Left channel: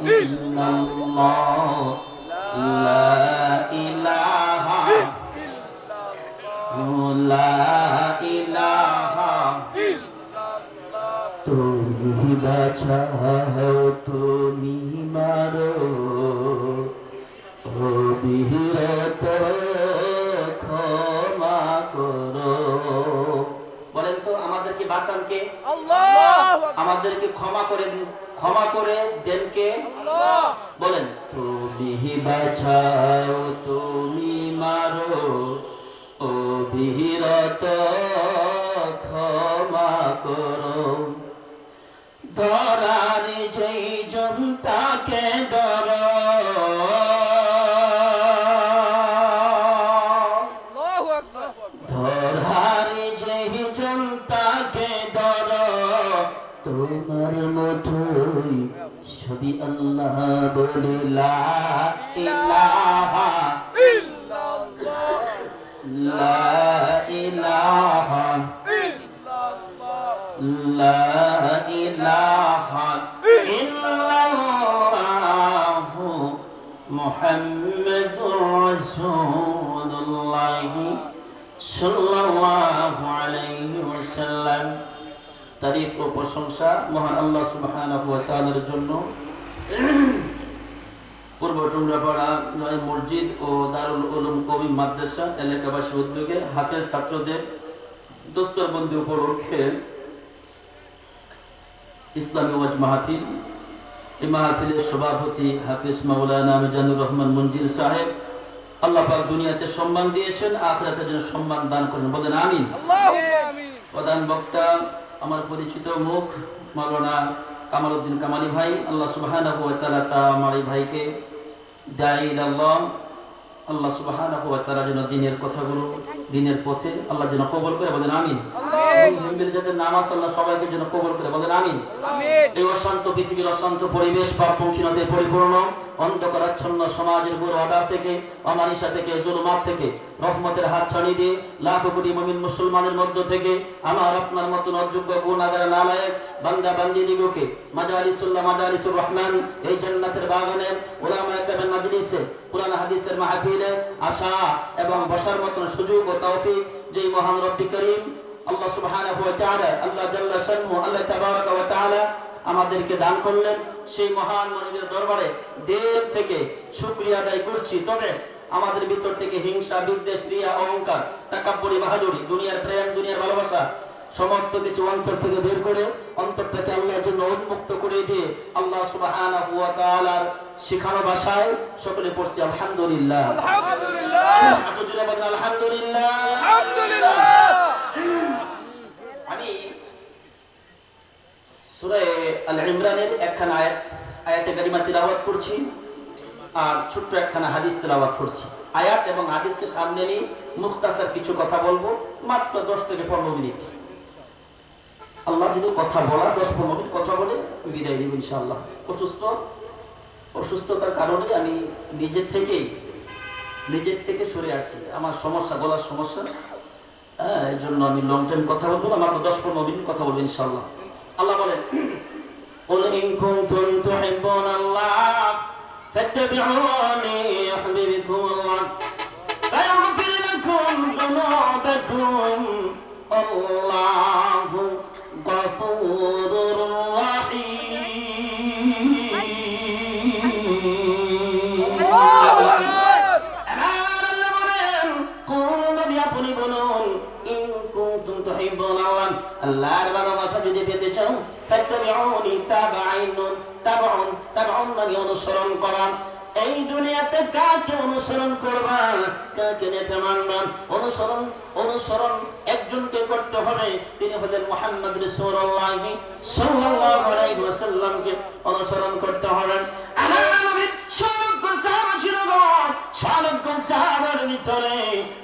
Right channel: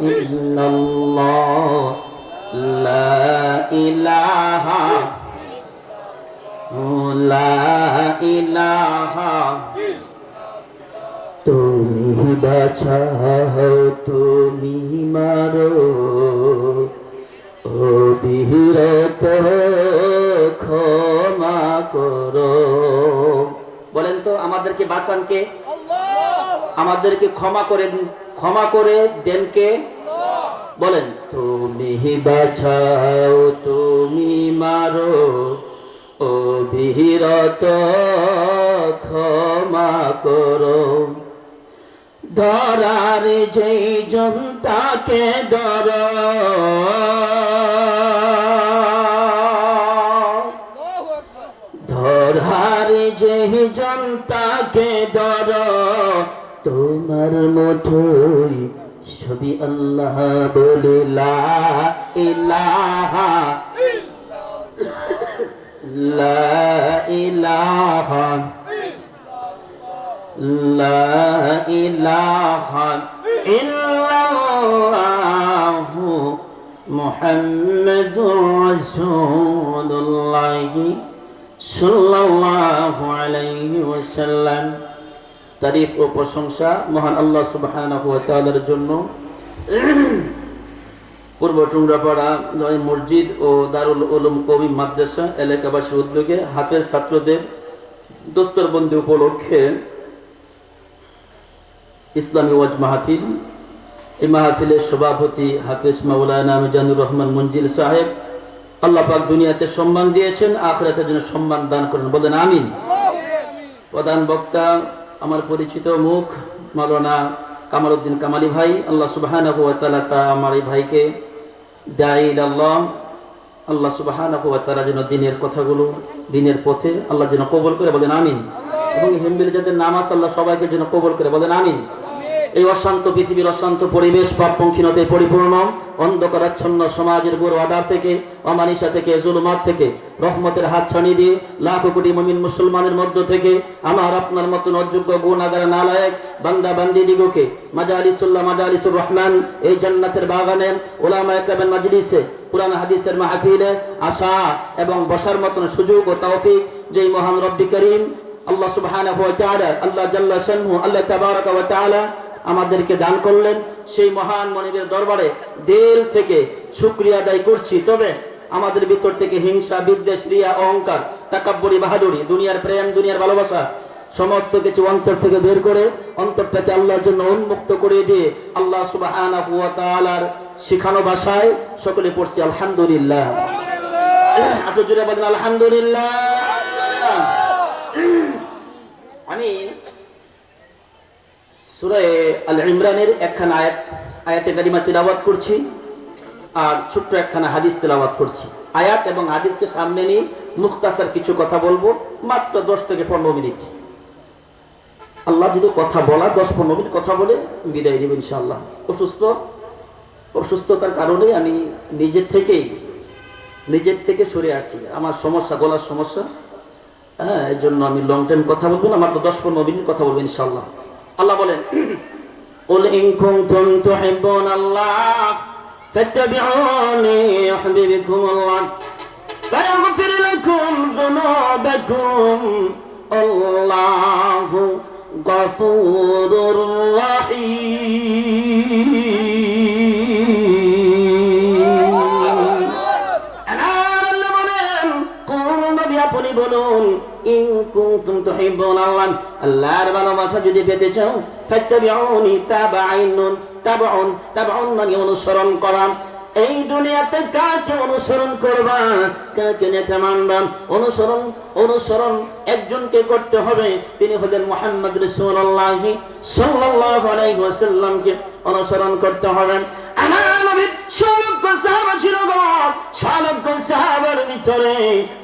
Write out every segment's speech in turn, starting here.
ইল্লাল্লাহ লা ইলাহা ইলাহা তুমি বাঁচাও তুমি মারো অবিরত ক্ষমা করো। আমাদেরকে বাঁচান কে? আমাদেরকে ক্ষমা করে ক্ষমা করে দেন কে? বলেন তুমি বাঁচাও তুমি মারো অবিরত ক্ষমা করো। ধরার যেই জনতাকে ধর আমার মুঠোই সবই আল্লাহ বলে লা ইলাহা লা ইলাহা লা ইলাহা ইল্লাল্লাহ মুহাম্মাদুর তারিফ ও প্রশংসা মহান আল্লাহ তাআলার জন্য। পূর্ব টুংরাপাড়া মসজিদ ও দারুল উলুম কবি মাদ্রাসা এলাকাবাসীর উদ্যোগে হাফেজ ছাত্রদের দোস্তরবন্দি উপলক্ষে ইসলামী ওয়াজ মাহফিল। এই মাহফিলের সভাপতি হাফিজ মাওলানা মিজানুর রহমান মঞ্জিল সাহেব আল্লাহ পাক দুনিয়াতে সম্মান দিয়েছেন আখরাতের জন্য সম্মান দান করেন। বলেন আমিন। প্রধান বক্তা আমার পরিচিত মুখ মাওলানা কামালউদ্দিন কামালি ভাই আল্লাহ সুবাহান আমার এই ভাইকে দাঈল আল্লাহ। আল্লাহ সুবাহান তাআলা যেন দিনের কথাগুলো দিনের পথে আল্লাহ যেন কবল করে বলেন আমিন। এবং হিমবিল যাদের নামাজ আল্লাহ সবাইকে যেন কবল করে বলেন আমিন। এই অশান্ত পৃথিবীর অশান্ত পরিবেশ পাপপঙ্খিনতে পরিপূর্ণ, অন্ধকারাচ্ছন্ন সমাজের বুড়ো আদার থেকে, অমানিসা থেকে, জুলুমাত থেকে, রহমতের হাত ছাড়িয়ে দিয়ে লাখ কোটি মমিন মুসলমানের মধ্য থেকে আমার আপনার মতন অযোগ্য গুণাগার নালায়ক বান্দা বান্দি দিগকে, মাজালিসুল্লাহ মাজালিসুর রহমান, এই জান্নাতের বাগানে ওলামা একরামের মাজলিসে, কোরআন হাদিসের মাহফিলে আসা এবং বসার মতন সুযোগ ও তৌফিক যেই মহান রব্বি করিম, আল্লাহ সুবহানাহু ওয়া তাআলা, আল্লাহ জাল্লা শানহু, আল্লাহ তাবারাকা ওয়া তাআলা আমাদেরকে দান করলেন। সেই মহান মনিবের দরবারে দিল থেকে শুক্রিয়া আদায় করছি। তবে আমাদের ভিতর থেকে হিংসা বিদ্বেষ রিয়া অহংকার তাকাব্বরি বাহাদুরি দুনিয়ার প্রেম দুনিয়ার ভালোবাসা সমস্ত কিছু অন্তর থেকে বের করে অন্তরটাকে আল্লাহর জন্য উন্মুক্ত করে দিয়ে আল্লাহ সুবহানাহু ওয়া তাআলার শিখানো ভাষায় সকলে পড়ছি আলহামদুলিল্লাহ। আচ্ছা আলহামদুলিল্লাহ। আমি ইমরানের একখানা আয়াত, আয়াতে কারিমা তিলাওয়াত করছি আর ছোট্ট একখানা হাদিস তেলাওয়াত করছি। আয়াত এবং হাদিসকে সামনে নিয়ে মুখতাসার কিছু কথা বলব, মাত্র দশ থেকে পনেরো মিনিট। আল্লাহ যদি কথা বলা, দশ পনেরো মিনিট কথা বলে বিদায় দেব ইনশাআল্লাহ। অসুস্থ, অসুস্থতার কারণে আমি নিজের থেকেই নিজের থেকে সরে আসছি আমার সমস্যা, গলার সমস্যা হ্যাঁ এই জন্য আমি লং টাইম কথা বলব না, মাত্র দশ পনেরো মিনিট কথা বলব ইনশাল্লাহ আল্লাহ বলেন قل إن كنتم تحبون الله فاتبعوني يحببكم الله فيغفر لكم ذنوبكم الله غفور رحيم আল্লাহ বলেন কোন নবী আপনি বলুন ইন কুনতুম তুহিব্বুন আল্লাহ আল্লাহর ভালোবাসা যদি পেতে চাও, ফাত্তাবিউনি তাবাইনুন তাবাউন তাবাউন মানে অনুসরণ করা। এই দুনিয়াতে কাকে অনুসরণ করবা? কাকে নেতা মানবা? অনুসরণ অনুসরণ একজনকে করতে হবে। তিনি হলেন মুহাম্মদ রাসূলুল্লাহ সাল্লাল্লাহু আলাইহি ওয়াসাল্লামকে অনুসরণ করতে হবে। আমার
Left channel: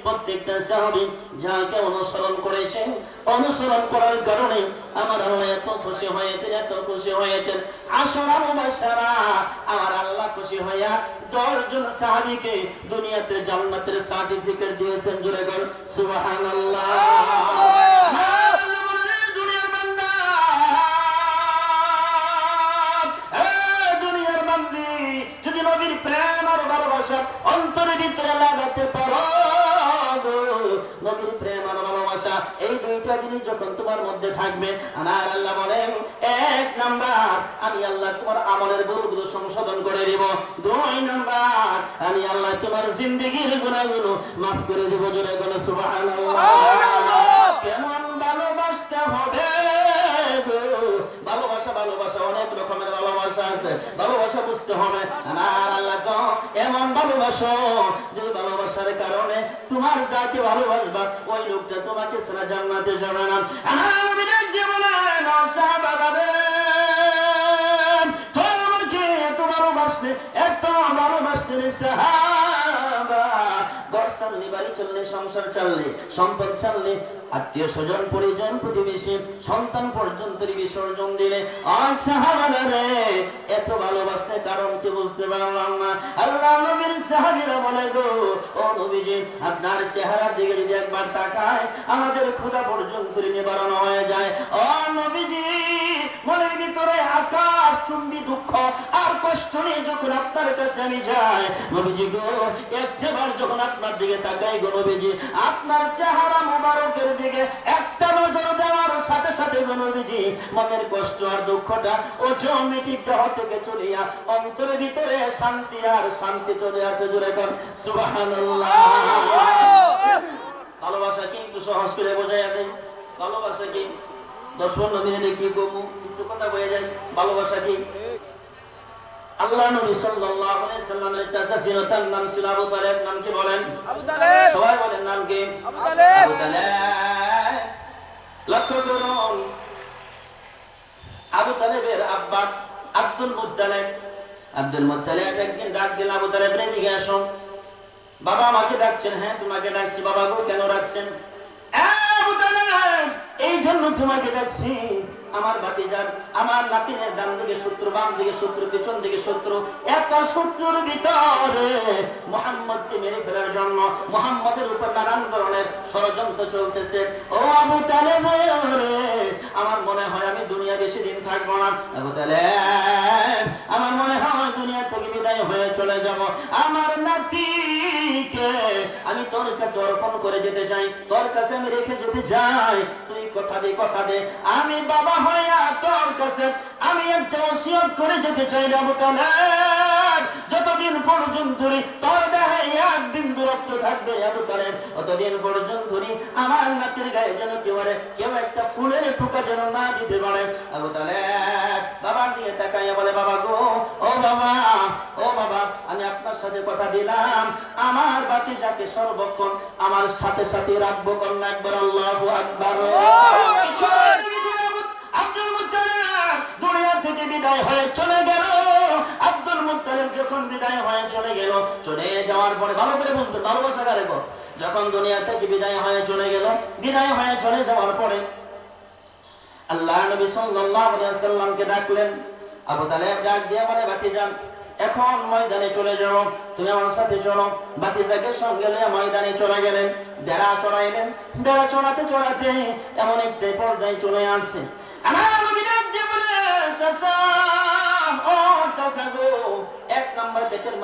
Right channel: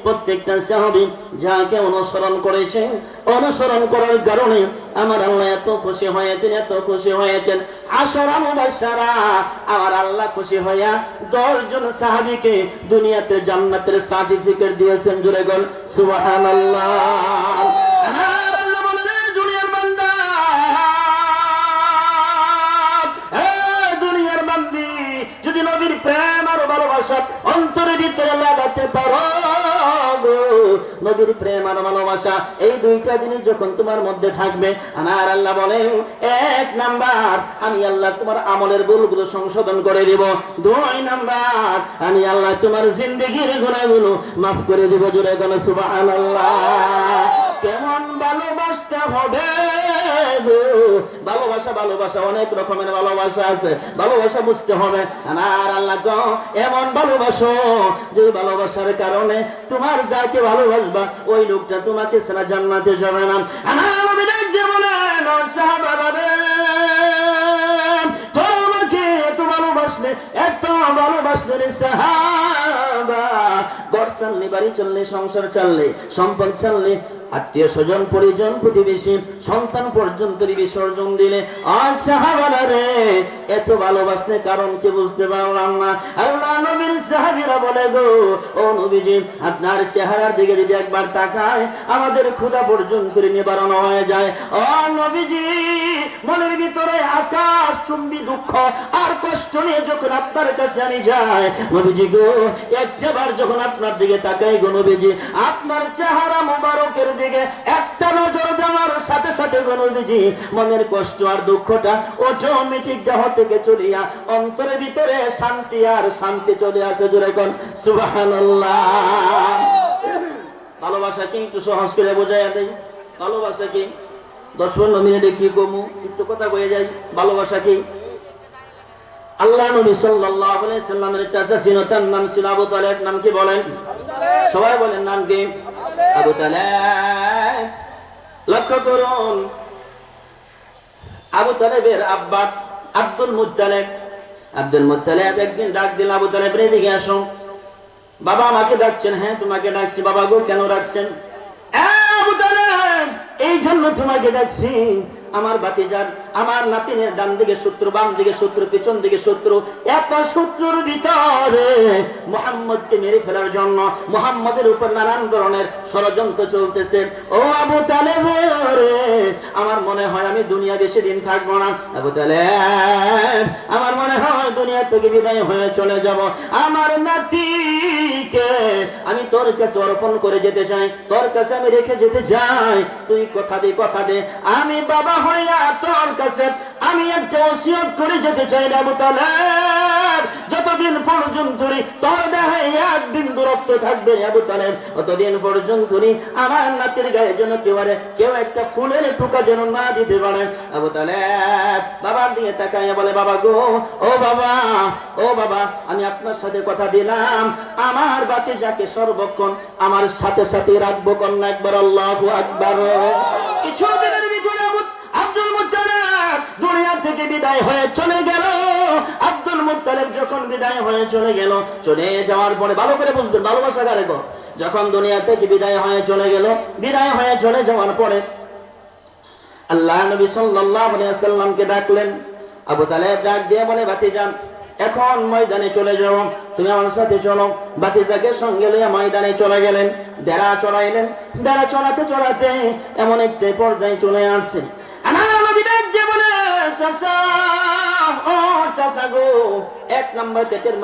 প্রত্যেকটা সাহাবী যাকে অনুসরণ করেছেন অনুসরণ করার কারণে আমার আল্লাহ এত খুশি হয়েছেন, এত খুশি হয়েছেন। আমার আল্লাহ খুশি হইয়া দশজন সাহাবীকে দুনিয়াতে জান্নাতের সার্টিফিকেট দিয়েছেন জুড়ে গল সুবহানাল্লাহ। নবীর প্রেম আর ভালোবাসা অন্তরের ভিতরে লাগাতে পারো নবীর প্রেম আর ভালোবাসা এই দুইটা জিনিস যখন তোমার মধ্যে থাকবে আমার আল্লাহ বলে এক নাম্বার আমি আল্লাহ তোমার আমলের ভুলগুলো সংশোধন করে দিব। দুই নাম্বার আমি আল্লাহ তোমার জিন্দগির গুণাগুলো মাফ করে দিব। জোরে কোন সুবহানাল্লাহ। কেমন ভালোবাসতে হবে? ভালোবাসা ভালোবাসা অনেক রকমের ভালোবাসা আছে। ভালোবাসা বুঝতে হবে। এমন ভালোবাসো যে ভালোবাসার কারণে তোমার যাকে ভালোবাসবা ওই লোকটা তোমাকে সারা জান্নাতে যাবে না। আমার নবী ডাক দিয়ে বলেন, ও সাহাবারা রে, তোরা আমাকে এত ভালোবাসলে এত ভালোবাসলে ঘর চাললি, বাড়ি চাললি, সংসার চাললি, সম্পদ চাললি, আত্মীয় স্বজন, পরিজন, প্রতিবেশী, সন্তান পর্যন্ত বিসর্জন দিলে। রে, এত ভালোবাসলে কারণ কি বুঝতে পারলাম না। আল্লাহ নবীর সাহাবীরা বলে গো, ও নবীজি, আপনার চেহারার দিকে যদি একবার তাকায়, আমাদের ক্ষুধা পর্যন্ত নিবারণ হয়ে যায়। ও নবীজি, মনের ভিতরে আকাশ, চুম্বি, দুঃখ, আর কষ্ট নিয়ে যখন আপনার কাছে আমি যাই, নবীজি গো একবার যখন আপনার দিকে তাকাই গো নবীজি। আপনার চেহারা মোবারকের দিকে একটা নজর দেওয়ার সাথে সাথে গো নবীজি, মনের কষ্ট আর দুঃখটা অটোমেটিক দেহ থেকে চলিয়া অন্তরের ভিতরে শান্তি আর শান্তি চলে আসে জোরে কোন ভালোবাসা কি একটু সহজ করে বোঝাইয়া দেয় ভালোবাসা কি? দশ পনেরো মিনিটে কি কমু? একটু কথা বয়ে যাই। ভালোবাসা কি? আল্লাহ নবী সাল্লাল্লাহু আলাইহি সাল্লামের চাচা ছিল তার নাম ছিল আবু তালেব। নাম কি বলেন? সবাই বলেন নাম কি? আবু তালেব। লক্ষ্য করুন আবু তালেবের আব্বা আব্দুল মুত্তালেব। আব্দুল মুত্তালেব একদিন ডাক দিল আবু তালেব রে দিকে আসো। বাবা আমাকে ডাকছেন হ্যাঁ তোমাকে ডাকছি। বাবা গো কেন ডাকছেন? আবু তালেব, এই জন্য তোমাকে ডাকছি আমার ভাতিজার, আমার নাতিনের ডান দিকে শত্রু, বাম দিকে শত্রু, পেছন দিকে শত্রু, এত শত্রুর ভিতরে মোহাম্মদকে মেরে ফেলার জন্য মোহাম্মদের উপর নানান ধরনের ষড়যন্ত্র চলতেছে। ও আবু তালেব রে, আমার মনে হয় আমি দুনিয়া বেশি দিন থাকব না। আবু তালেব, আমার মনে হয় দুনিয়া থেকে বিদায় হয়ে চলে যাব। আমার নাতিকে আমি তোর কাছে অর্পণ করে যেতে চাই, তোর কাছে আমি রেখে যেতে চাই, তুই কথা দে কথা দে। আমি বাবা হইয়া তোর কাছে আমি একটা ওসিয়ত করে যেতে চাই না তালেব যতদিন পর্যন্ত তোর দেহে এক বিন্দু রক্ত থাকবে আবু তালেব। অতদিন পর্যন্ত আমার নাতির গায়ে যেন কেউ কেউ একটা ফুলের টুকা যেন না দিতে পারে। আবু তালেব বাবার দিকে তাকাইয়া বলে বাবা গো ও বাবা ও বাবা আমি আপনার সাথে কথা দিলাম। আমার বাতি যাকে সর্বক্ষণ আমার সাথে সাথে রাখব কন্যা একবার আল্লাহ আকবার। কিছুদিনের থেকে বিদায় হয়ে চলে গেল। আব্দুল মুত্তালিব যখন বিদায় হয়ে চলে গেল, চলে যাওয়ার পরে ভালো করে বুঝবেন ভালোবাসা কারে যখন দুনিয়া থেকে বিদায় হয়ে চলে গেল, বিদায় হয়ে চলে যাওয়ার পরে আল্লাহ নবী সাল্লাল্লাহু আলাইহি সাল্লামকে ডাকলেন। আবু তালেব ডাক দিয়ে বলে, ভাতিজা, এখন ময়দানে চলে যাও, তুমি আমার সাথে চলো। বাতিজাকে সঙ্গে নিয়ে ময়দানে চলে গেলেন। বেড়া চড়াইলেন বেড়া চড়াতে চড়াতে এমন একটি পর্যায়ে চলে আসছে পেটের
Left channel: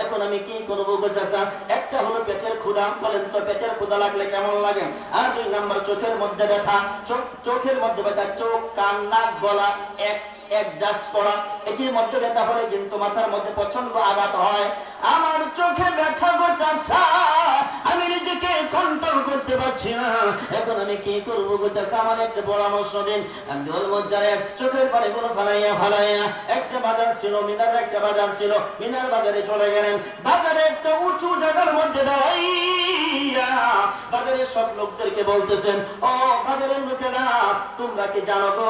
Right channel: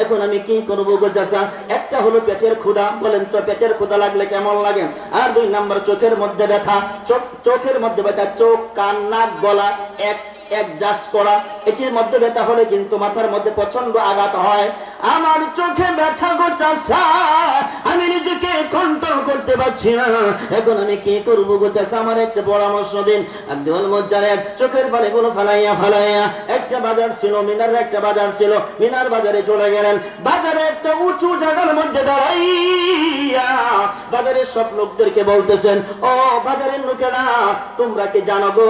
এখন আমি কি গো চাচা? একটা হলো পেটের ক্ষুধা, বলেন তো পেটের ক্ষুধা লাগলে কেমন লাগে? আর দুই নাম্বার চোখের মধ্যে ব্যথা চোখের মধ্যে ব্যথা, চোখ, কান, নাক, গলা, এক অ্যাডজাস্ট করা। এটির মধ্যে ব্যথা হলে কিন্তু মাথার মধ্যে প্রচণ্ড আঘাত হয়। আমার চোখে ব্যথা গো চাষা আমি নিজেকে কন্ট্রোল করতে পারছি না। এখন আমি কি করব গো আমার একটা পরামর্শ দিন। আব্দুল মুজ্জালেব চোখের পানি গুলো ফালাইয়া ফালাইয়া একটা বাজার ছিল মিনার একটা বাজার ছিল। মিনার বাজারে চলে গেলেন। বাজারে একটা উঁচু জায়গার মধ্যে দাঁড়াইয়া বাজারের সব লোকদেরকে বলতেছেন, ও বাজারের লোকেরা, তোমরা কি জানো গো?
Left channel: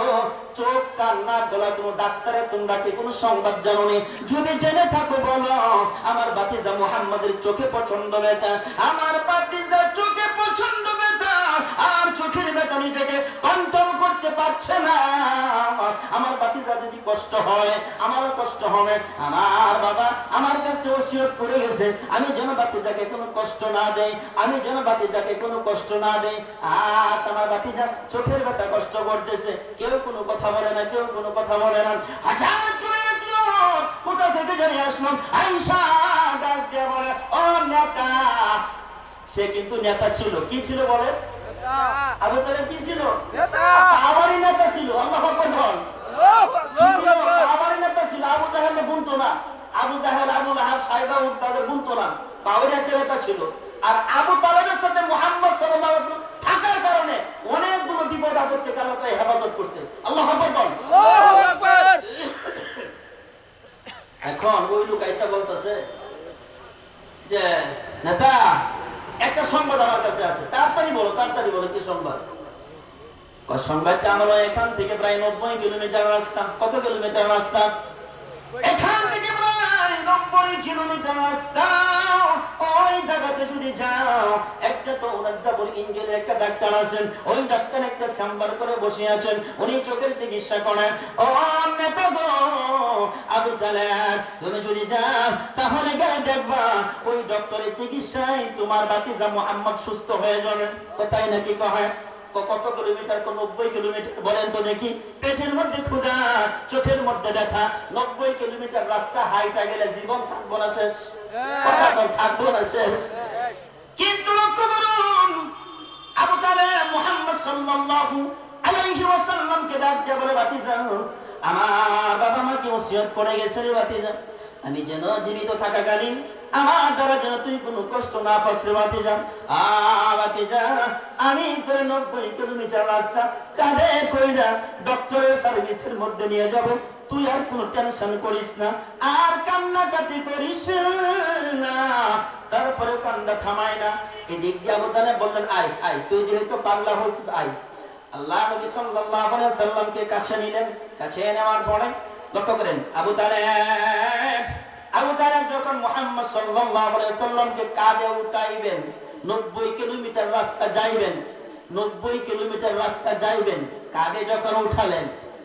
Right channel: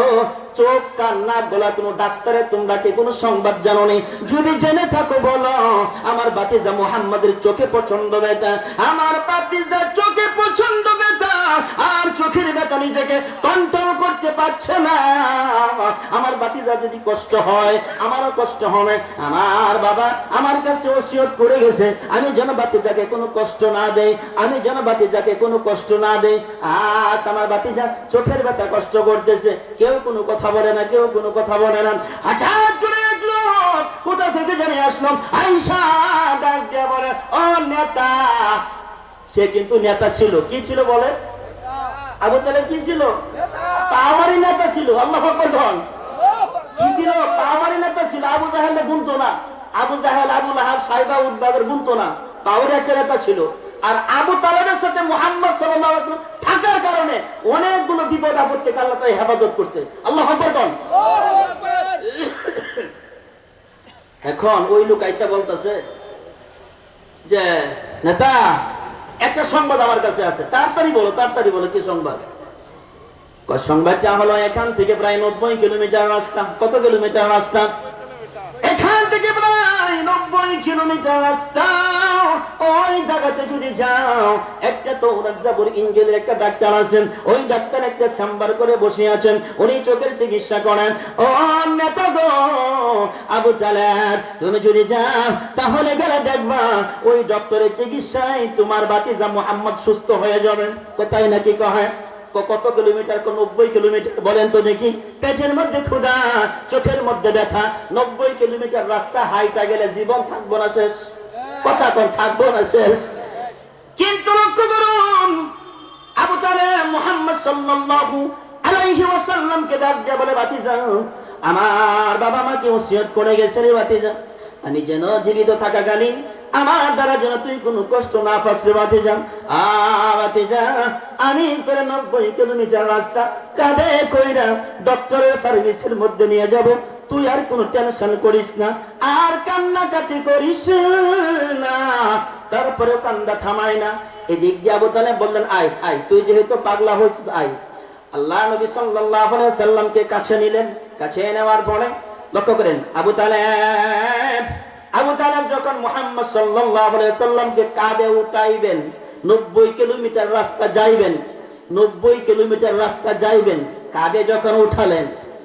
চোখ, কান, নাক গলা, কোনো ডাক্তারের, তোমরা কি কোনো সংবাদ জানো নেই যদি জেনে থাকো বলো, আমার বাতিজা মুহাম্মাদের চোখে পছন্দ ব্যথা আমার বাতিজা চোখে পছন্দ ব্যথা আর চোখের ব্যথা নিজেকে কন্ট্রোল করতে পারছে না। আমার বাতিজা যদি কষ্ট হয়, আমারও কষ্ট হবে। আমার বাবা আমার কাছে ওসিয়ত করে গেছে, আমি যেন বাতিজাকে কোনো কষ্ট না দেই, আমি যেন বাতিজাকে কোনো কষ্ট না দেই। আজ আমার বাতিজা চোখের ব্যথা কষ্ট করতেছে, কেউ কোনো কথা বলে না, কেউ কোনো কথা বলে না। হঠাৎ করে কোথা থেকে জানিয়ে আসলাম আইসা ডাক বলে, ও নেতা। সে কিন্তু নেতা ছিল। কি ছিল বলে আবু তালেব কি ছিল? আমারই নেতা ছিল আল্লাহ বল কি ছিল? আমারই নেতা ছিল আবু জাহেলে গুনতো না। আবু জাহেল আবু লাহাব সাইবা উদ্বাগের গুনতো না। পাওয়ার একটা নেতা ছিল। আর আবু তালেবের সাথে মোহাম্মদ ওয়াসাল্লাম থাকার কারণে অনেকগুলো বিপদ আপদ থেকে আল্লাহ তাআলা হেফাজত করছে। আল্লাহ বল এখন ওই লোক আইসা বলতেছে যে নেতা একটা সংবাদ আমার কাছে আছে। তাড়াতাড়ি বলো তাড়াতাড়ি বলো, কি সংবাদ? সংবাদ সংবাদটা হলো এখান থেকে প্রায় নব্বই কিলোমিটার রাস্তা। কত কিলোমিটার রাস্তা? এখান থেকে প্রায় নব্বই কিলোমিটার রাস্তা। ওই জায়গাতে যদি যাও, একটা তো ইঞ্জেলের একটা ডাক্তার আছেন, ওই ডাক্তার একটা চেম্বার করে বসে আছেন, উনি চোখের চিকিৎসা করেন। ও নেতা গো, আবু তালেব, তুমি যদি যাও, তাহলে গেলে দেখবা, ওই ডক্টরের চিকিৎসায় তোমার মোহাম্মদ সুস্থ হয়ে কোথায় নাকি কত কিলোমিটার কোন নব্বই কিলোমিটার, বলেন তো দেখি। পেটের মধ্যে চোখের মধ্যে ব্যথা, নব্বই কিলোমিটার রাস্তা হাইটা গেলে জীবন থাকব না শেষ। কথা তো থাকব না, শেষ। কিন্তু লক্ষ্য করুন, আবু তালেব মুহাম্মদ সাল্লাল্লাহু আলাইহি ওয়াসাল্লামকে আমার বাবা ওসিয়ত করে গেছে রে আমি যেন জীবিত থাকাকালীন আমার দ্বারা যেন তুই কোনো কষ্ট না পাস রে বাতিজা আ বাতিজা আমি তোর নব্বই কিলোমিটার রাস্তা কাঁধে কইরা ডক্টরের সার্ভিসের মধ্যে নিয়ে যাব। তুই আর কোনো টেনশন করিস না, আর কান্নাকাটি করিস না। তারপরে কান্দা থামাই না। এদিক দিয়ে আবু তালেব বললেন, আয় আয়, তুই যেহেতু পাগলা হয়েছিস, আয়। আল্লাহ নবী সাল্লাল্লাহু আলাইহি সাল্লামকে কাছে নিলেন? কাছে নেওয়ার পরে লক্ষ্য করেন, আবু তালেব আবু তালেব যখন মুহাম্মদ সাল্লাল্লাহু আলাইহি সাল্লামকে কাঁধে উঠাইবেন 90 কিলোমিটার রাস্তা যাইবেন 90 কিলোমিটার রাস্তা যাইবেন, কাঁধে যখন উঠালেন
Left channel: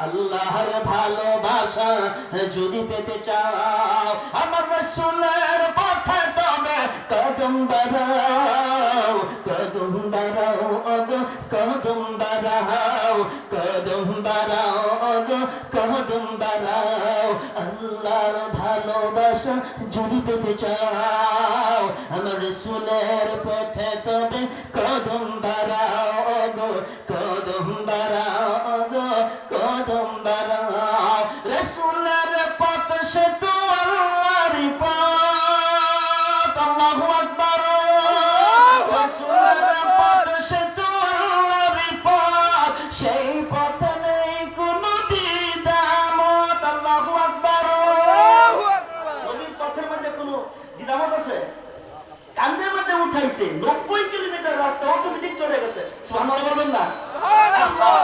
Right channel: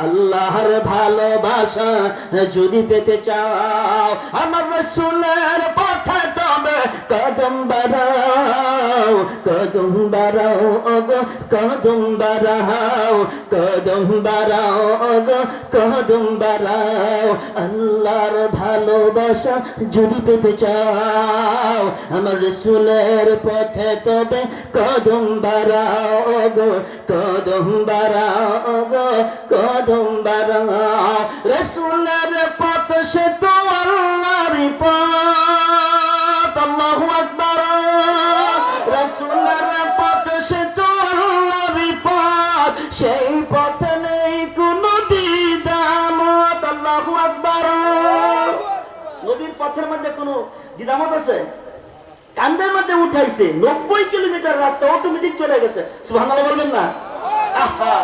আল্লাহর ভালোবাসা যদি পেতে চাও, আমার রসুলের পথে তবে কদম বাড়াও কদম বাড়াও অগ কদম বাড়াও কদম বাড়াও অগ কদম বাড়াও আল্লাহর ভালোবাসা যদি পেতে চাও, আমার রসুলের পথে তবে কদম বাড়াও গো, কদম বাড়াও গো, কদম বাড়াও। রসুলের পথ সে তো দ্বিধামত আছে? কান্দের মধ্যে উঠাইছে নব্বই কিলোমিটার রাস্তা অটোমেটিক চলে গেছে। বলবেন না? আহা,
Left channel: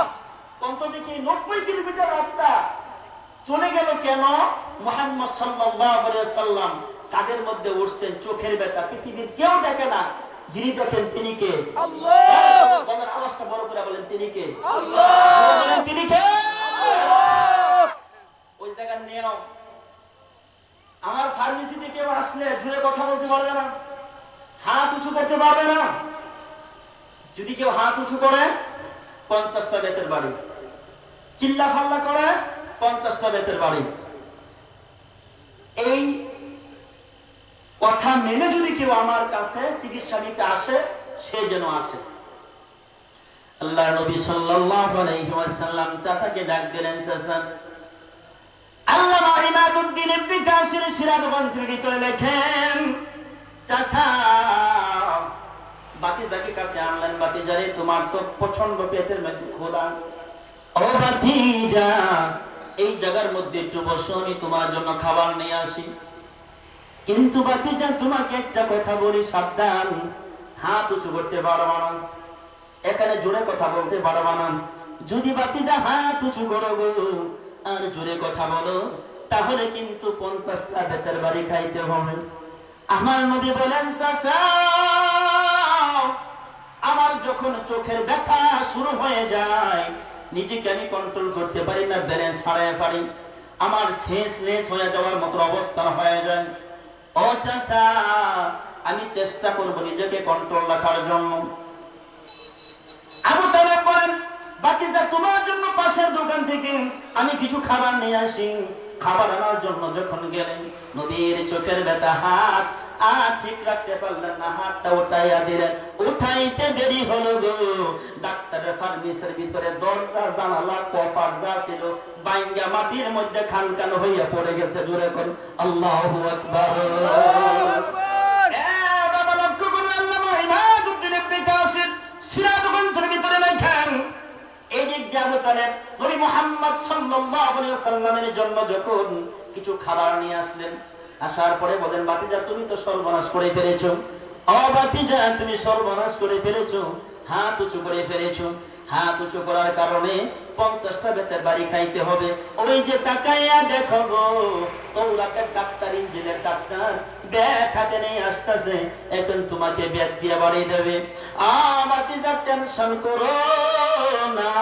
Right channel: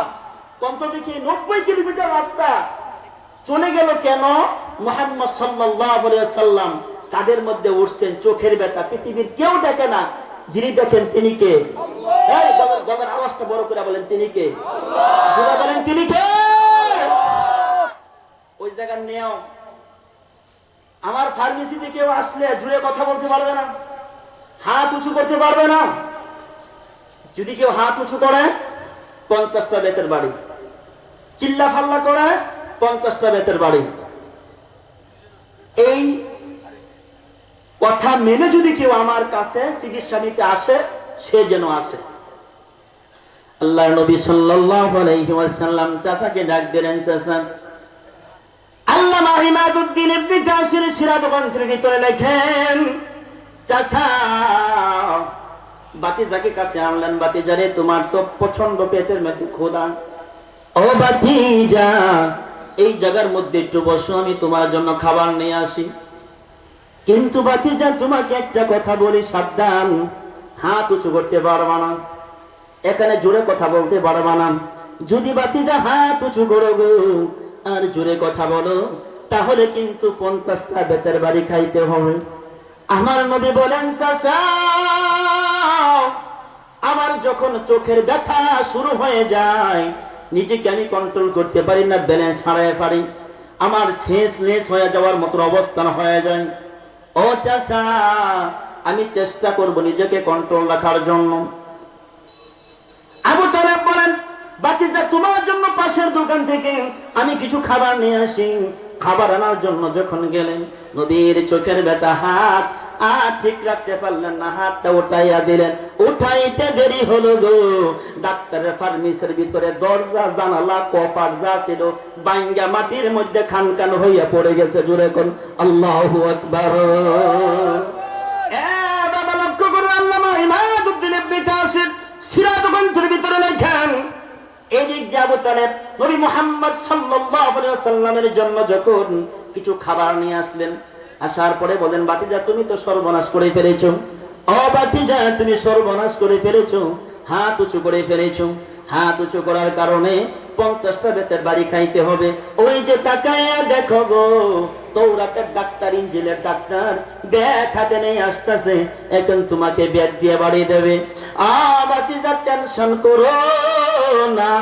কম তো দেখি নব্বই কিলোমিটার রাস্তা। চলে গেল কেন? মোহাম্মদ সাল্লাম কাদের মধ্যে উঠছেন? চোখের ব্যথা। পৃথিবীর কেউ দেখে না। যিনি দেখেন তিনি কে? আওয়াজটা বড় করে বলেন তিনি কে? বলেন তিনি কে? ওই জায়গার নিয়ম আমার ফার্মেসিতে কেউ আসলে জুড়ে কথা বলতে পারবে না। হাত উঁচু করতে পারবে না। যদি কেউ হাত উঁচু করে, পঞ্চাশটা বেতের বাড়ি। চিল্লা ফাল্লা করে, পঞ্চাশটা বেতের বাড়ি। এই কথা মেনে যদি কেউ আমার কাছে চিকিৎসা নিতে আসে, সে যেন আসে। আল্লাহ নবী সাল্লাল্লাহু আলাইহি ওয়াসাল্লাম চাচাকে ডাক দিলেন, চাচা আল্লামা ইমাদউদ্দিন ইবনে ভিতরে লেখেন চাচা, বাতিজাকে কাছে আনলেন। বাতিজারে, তোমার তো প্রচণ্ড পেটের মধ্যে খোদা ও বাতিজা, এই জায়গার মধ্যে একটু বসো, আমি তোমার জন্য খাবার নিয়ে আসি। কিন্তু বাতিজা, তোমাকে একটা কথা বলি, সাবধান। হাত উঁচু করতে পারবা না। এখানে জোরে কথা বলতে পারবা না। যদি বাতিজা হাত উঁচু করো গো, আর জোরে কথা বলো তাহলে কিন্তু পঞ্চাশটা বেতের বাড়ি খাইতে হবে। আমার নবী বলেন আমার যখন চোখের ব্যথা শুরু হয়ে যায়, নিজেকে আমি কন্ট্রোল করতে পারি না ব্যালেন্স হারায় পারি। আমার শেষ লেস হয়ে যাওয়ার মতো অবস্থান হয়ে যায়। ও চাষা আমি চেষ্টা করব নিজেকে কন্ট্রোল রাখার জন্য। আবু তালেব বলেন, বাকি যা তোমার জন্য পাশের দোকান থেকে আমি কিছু খাবার নিয়ে আসি। খাবার আনার জন্য যখন গেলেন নবীর চোখের ব্যথা হাত আর ঠিক রাখতে পারলেন না হাতটা উঠাইয়া দিলেন। উঠাইতে দেরি হলো গো। ডাক্তারের ফার্মেসির ভিতরে দরজা জানালা কপার যা ছিল বাইঙ্গা মাটির মধ্যে খান খান হইয়া পড়ে গেছে জোরে কোন। আল্লাহু আকবার। এ বাবা লক্ষ্য জন্য যখন কিছু খাবার নিয়ে আসলেন, আসার পরে বলেন তুমি তো সর্বনাশ করে ফেলেছো। করে ফেলেছো। হাত উঁচু করে ফেলেছো। হাত উঁচু করার কারণে পঞ্চাশটা বেতের বাড়ি খাইতে হবে। ওই যে তাকাইয়া দেখো গো, তৌরাতের ডাক্তার, ইঞ্জিনের ডাক্তার হাতে নেই আসতেছে। এখন তোমাকে ব্যাগ দিয়ে বাড়িয়ে দেবে। টেনশন করো না,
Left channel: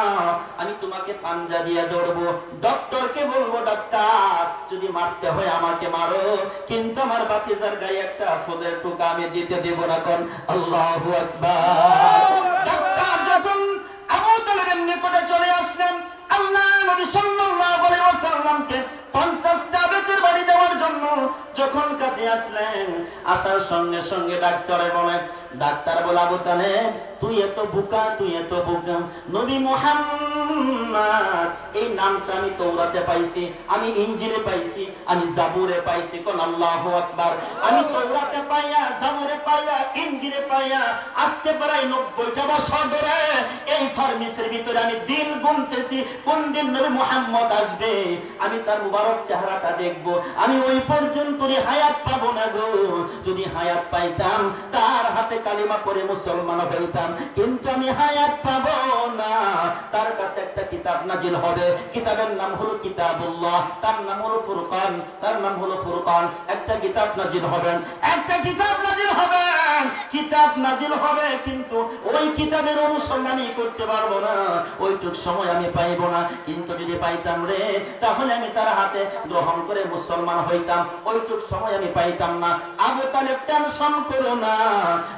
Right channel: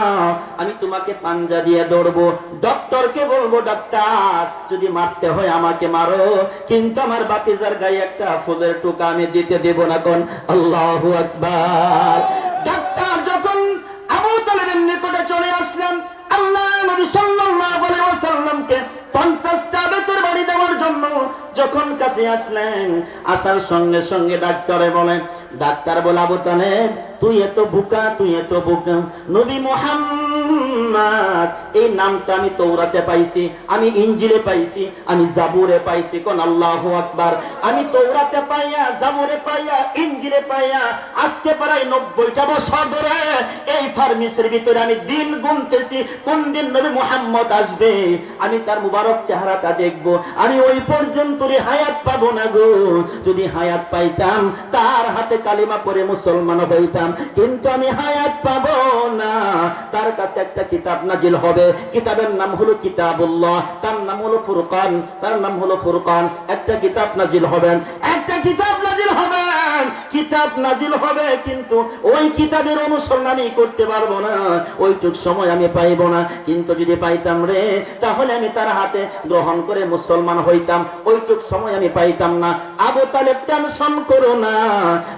আমি তোমাকে পাঞ্জা দিয়ে দৌড়বো। ডক্টরকে বলব, ডাক্তার, যদি মারতে হয় আমাকে মারো। কিন্তু আমার বাতিজার গায়ে একটা ফুলের টুকা আমি দিতে দেব না কোন আল্লাহ আকবার। সাল্লাল্লাহু আলাইহি ওয়াসাল্লামকে 50টা বেতের বাড়ি দেওয়ার জন্য যখন কাছে আসলেন, আসার সঙ্গে সঙ্গে ডাক্তারে বলেন ডাক্তার বলে, আবু তুই এত বুকা, তুই এত বুকা। নবী মুহাম্মদ, এই নামটা আমি তৌরাতে পাইছি, আমি ইঞ্জিলে পাইছি, আমি জাবুরে পাইছি, কোন আল্লাহু আকবার। আমি তৌরাতে পাইয়া, জাবুরে পাইয়া ইঞ্জিলে পাইয়া, আসতে প্রায় নব্বইটা বছর ধরে এই ফার্মেসির ভিতরে আমি দিন গুনতেছি কোন দিন নবী মুহাম্মদ আসবে? আমি তার মুবারক চেহারাটা দেখব। আমি ওই পর্যন্ত হায়াত পাবো না গো। যদি হায়াত পাইতাম, তার হাতে কালিমা পরে মুসলমান হইতাম। কিন্তু আমি হায়াত পাবো না। তার কাছে একটা কিতাব নাজিল হবে। কিতাবের নাম হলো কিতাবুল্লাহ, তার নাম হলো ফুরকান, তার নাম হলো ফুরকান। একটা কিতাব নাজিল হবেন, একটা কিতাব নাজিল হবেন। কিতাব নাজিল হবে, কিন্তু ওই কিতাবের আমি করতে পারব না। ওইটুক সময় আমি পাইব না। কিন্তু যদি পাইতাম রে, তাহলে আমি তার হাতে গ্রহণ করে মুসলমান হইতাম। ওইটুক সময় আমি পাইতাম না। আবু তালেব টেনশন করো না।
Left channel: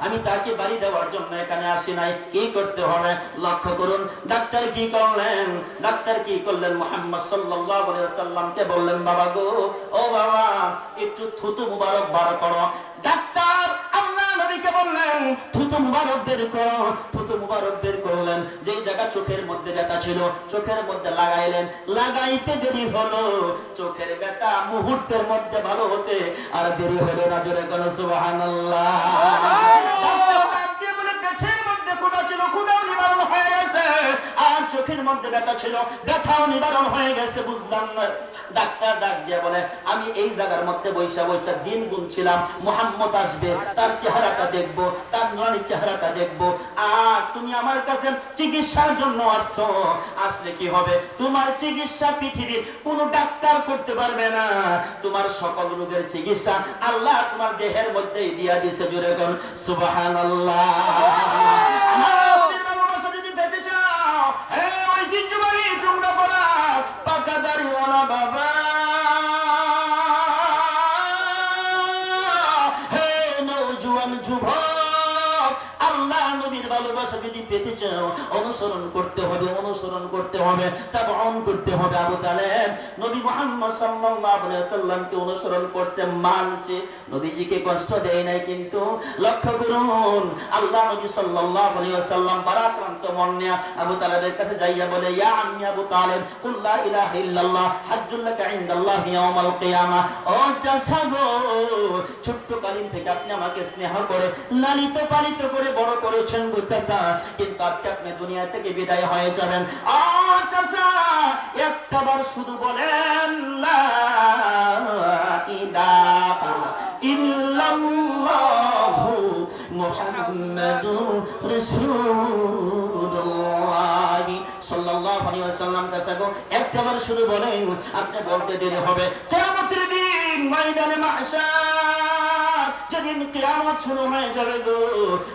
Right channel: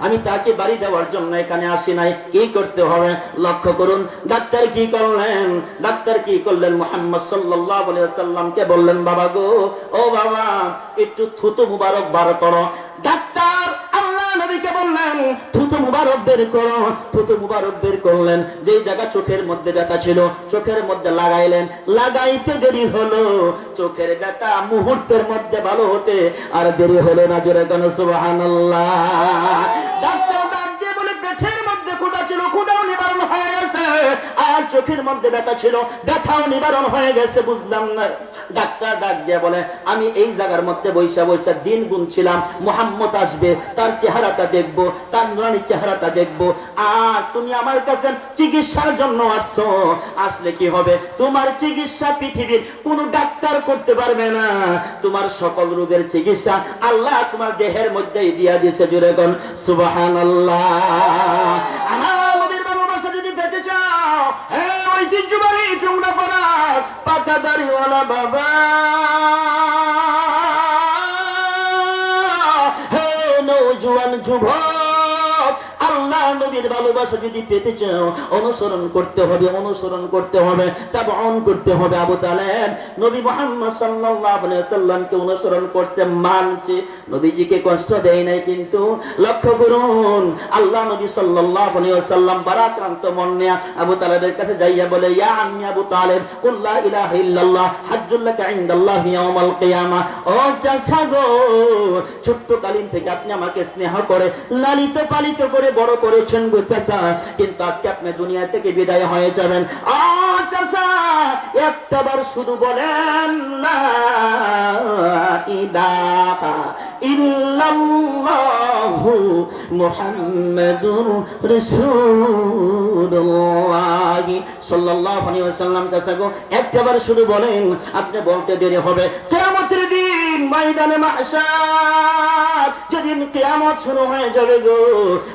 আমি তাকে বাড়ি দেওয়ার জন্য এখানে আসি নাই। কি করতে হবে? লক্ষ্য করুন, ডাক্তার কি করলেন? ডাক্তার কি করলেন? মোহাম্মদ আলাইহি সাল্লামকে বললেন, বাবা গো, ও বাবা, একটু থুতু মুবারক বার করো। ডাক্তার নবীকে বললেন থুতু মুবারক বের করো থুতু মুবারক বের করলেন। যেই জায়গা চোখের মধ্যে ব্যথা ছিল চোখের মধ্যে লাগাইলেন। লাগাইতে দেরি হলো চোখের ব্যথা মুহূর্তের মধ্যে ভালো হতে আর দেরি হলো না জোরে কেন সুবহানাল্লাহ। ডাক্তার ক্ষুধা ছিল, ক্ষুধাও নিবারণ হয়ে গেছে। আর চোখের মধ্যে ব্যথা ছিল, ব্যথাও নিবারণ হয়ে গেছে, বুঝলাম না। ডাক্তার ডাক দিয়ে বলে, আমি এই জায়গার মধ্যে বৈশা বৈশা দিন গুনছিলাম, মোহাম্মদ আসবে, তার চেহারাটা দেখব, তার নুরানির চেহারাটা দেখব। আর তুমি আমার কাছে চিকিৎসার জন্য আসছো। আসলে কি হবে? তোমার চিকিৎসা পৃথিবীর কোন ডাক্তার করতে পারবে না। তোমার সকল রোগের চিকিৎসা আল্লাহ তোমার দেহের মধ্যেই দিয়া দিয়েছে জুড়ে কোন, সুবহানাল্লাহ। আমাদের ভালোবাসা যদি পেতে চাও হ্যাঁ ঐতিহ্যবাহী চুমড়া পড়া পাকা দাঁড়িওয়ালা বাবা। আল্লাহ নবীর ভালোবাসা যদি পেতে চাও, অনুসরণ করতে হবে, অনুসরণ করতে হবে তাবন করতে হবে। আবু তালেব নবী মুহাম্মদ সাল্লামকে অনুসরণ করতে মানছে। নবীজিকে কষ্ট দেয় নাই, কিন্তু লক্ষ্য করুন, আল্লাহ নবী সাল্লাম বারাক্রান্ত মন আবু তালেবের কাছে যাইয়া বলে, ইয়া আম্মি আবু তালেব ইল্লাল্লাহ কিয়ামা। ও গো ছোট্ট কালিন থেকে আপনি আমাকে স্নেহ করে, লালিত পালিত করে বড় করেছেন গো চাচা। কিন্তু আজকে আপনি দুনিয়া থেকে বিদায় হয়ে যাবেন। একটাবার শুধু বলেন একটাবার শুধু বলেন, আপনি বলতে দেরি হবে। কিয়ামতের দিন, ময়দানে মাহশার যেদিন কেয়ামত শুরু হয়ে যাবে গো।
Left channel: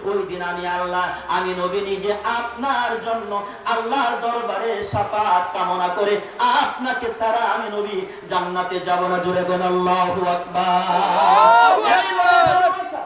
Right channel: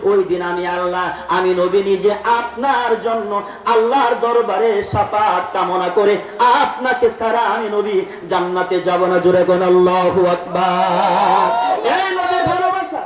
ওই দিন আমি আল্লাহ, আমি নবী নিজে আপনার জন্য আল্লাহর দরবারে সাফাত কামনা করে আপনাকে সারা আমি নবী জান্নাতে যাব না। জুড়ে গো আল্লাহু আকবার। এই নবীর ভালোবাসা।